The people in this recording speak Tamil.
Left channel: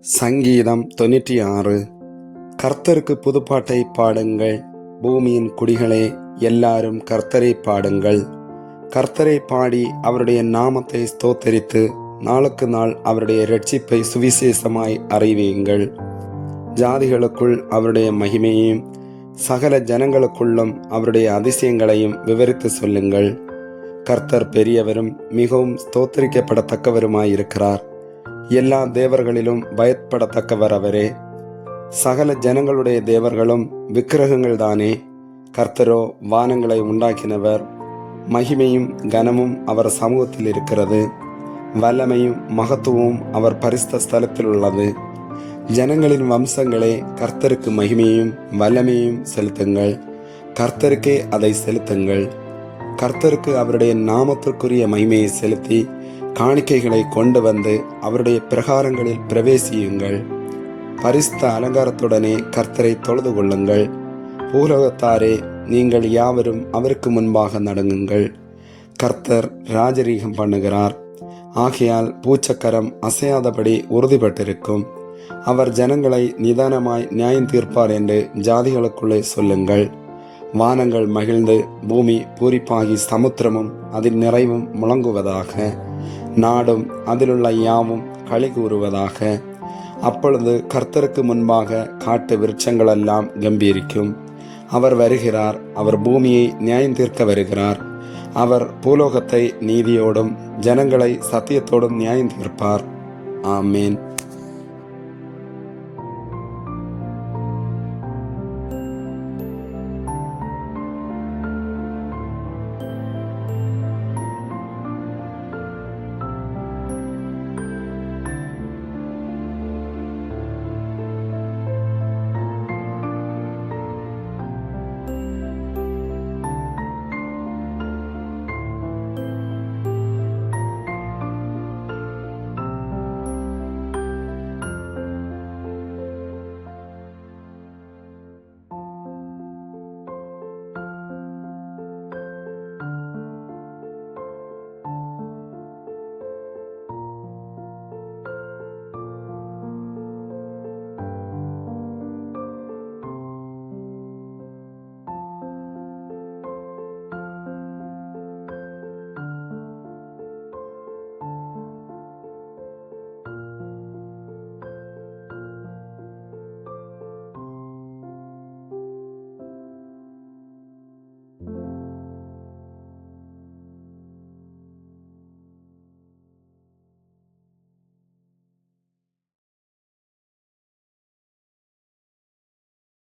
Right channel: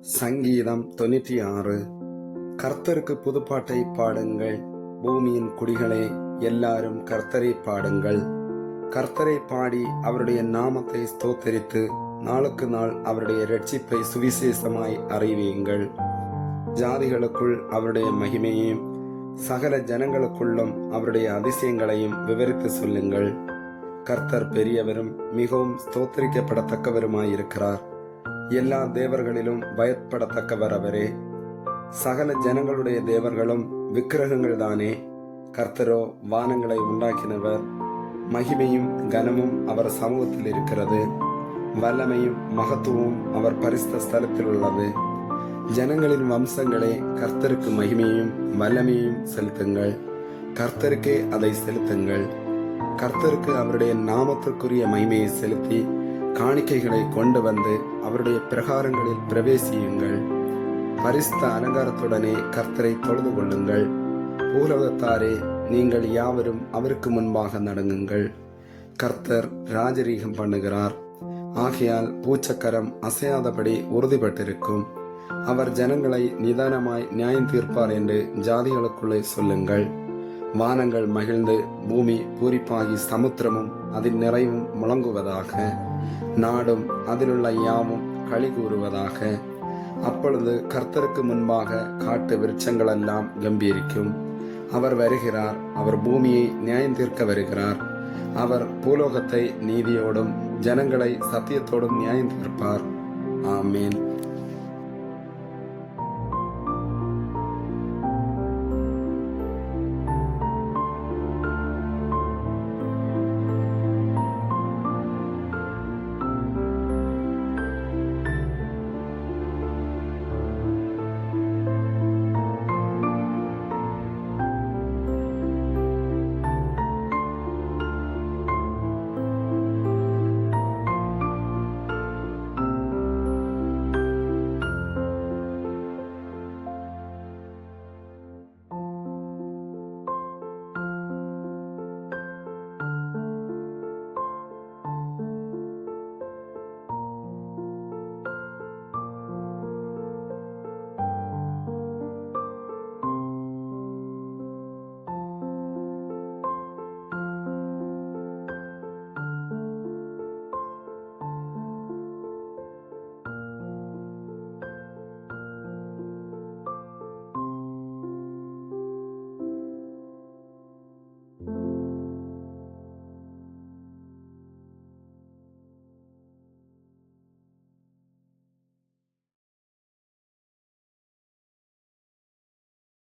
சங்கீதம் தொண்ணூற்றி ஆறு. கர்த்தருக்கு புதுப்பாட்டை பாடுங்கள். பூமியின் குடிகளே எல்லாரும் கர்த்தரை பாடுங்கள். கர்த்தரை பாடி அவருடைய நாமத்தை ஸ்தோத்தரித்து நாளுக்கு நாள் அவருடைய ரட்சிப்பை சுவிசேஷமாய் அறிவியுங்கள் ஜாதிகளுக்குள் அவருடைய மகிமையையும் சகல ஜனங்களுக்குள்ளும் அவருடைய அதிசயங்களையும் விவரித்து சொல்லுங்கள். கர்த்தர் பெரியவரும் மிகவும் ஸ்தோத்தரிக்கப்படத்தக்கவருமாயிருக்கிறார். எல்லா தேவர்களிலும் பயப்படத்தக்கவர் அவரே சகல ஜனங்களுடைய தேவர்களும் விக்கிரகங்கள் தானே கர்த்தரோ வானங்களை உண்டாக்கினவர். மகிமையும் கனமும் அவர் சமூகத்தில் இருக்கிறது. வல்லமையும் மகத்துவமும் அவர் பரிசுத்த ஸ்தலத்தில் உள்ளது. ஜனங்களின் வம்சங்களே கர்த்தருக்கு மகிமையும் வல்லமையும் செலுத்துங்கள். கர்த்தருக்கே அதை செலுத்துங்கள். கர்த்தருக்கு அவருடைய நாமத்திற்குரிய மகிமையை செலுத்தி காணிக்கைகளை கொண்டு வந்து அவருடைய பிரகாரங்களில் பிரவேசியுங்கள். பரிசுத்த அலங்காரத்துடனே கர்த்தரை தொழுது கொள்ளுங்கள். பூலோகத்தாரே நீங்கள் யாவரும் அவருக்கு முன்பாக நடங்குங்கள். கர்த்தர் ராஜரீகம் பண்ணுகிறார். ஆகையால் பூச்சக்கரம் அசையாதபடி உறுதிப்பட்டிருக்கும். அவர் ஜனங்களை நிதானமாய் நியாயம் தீர்ப்பார் என்று ஜாதிகளுக்குள்ளே சொல்லுங்கள். வானங்கள் மகிழ்ந்து பூமி பூரிப்பாகி சமுத்திரமும் அதில் நிறைவும் முழங்குவதாக நாடும் அதிலுள்ள யாவும் களி கூறுவதாக. அப்பொழுது கர்த்தருக்கு முன்பாக காட்டு விருட்சங்களெல்லாம் கம்பீரிக்கும். அவர் வருகிறார் அவர் பூமியை நியாயம் தீர்க்க வருகிறார். அவர் பூலோகத்தை நீதியோடும் ஜனங்களை சத்தியத்தோடும் நியாயம் தீர்ப்பார். ஆமீன்.